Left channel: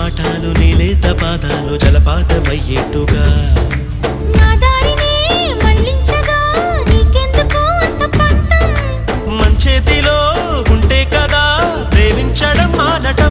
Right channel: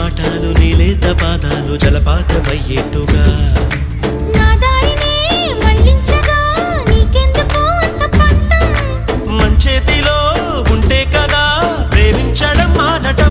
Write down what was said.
పాఠాలు నీలేత పాదాలు జలపాతమయ్యేట్టుగా నా దారినే మళ్ళించగా నీకెందుకు అంత పంతం మంచేతిలో ఉంటే కదా ప్రేమించడం మానటం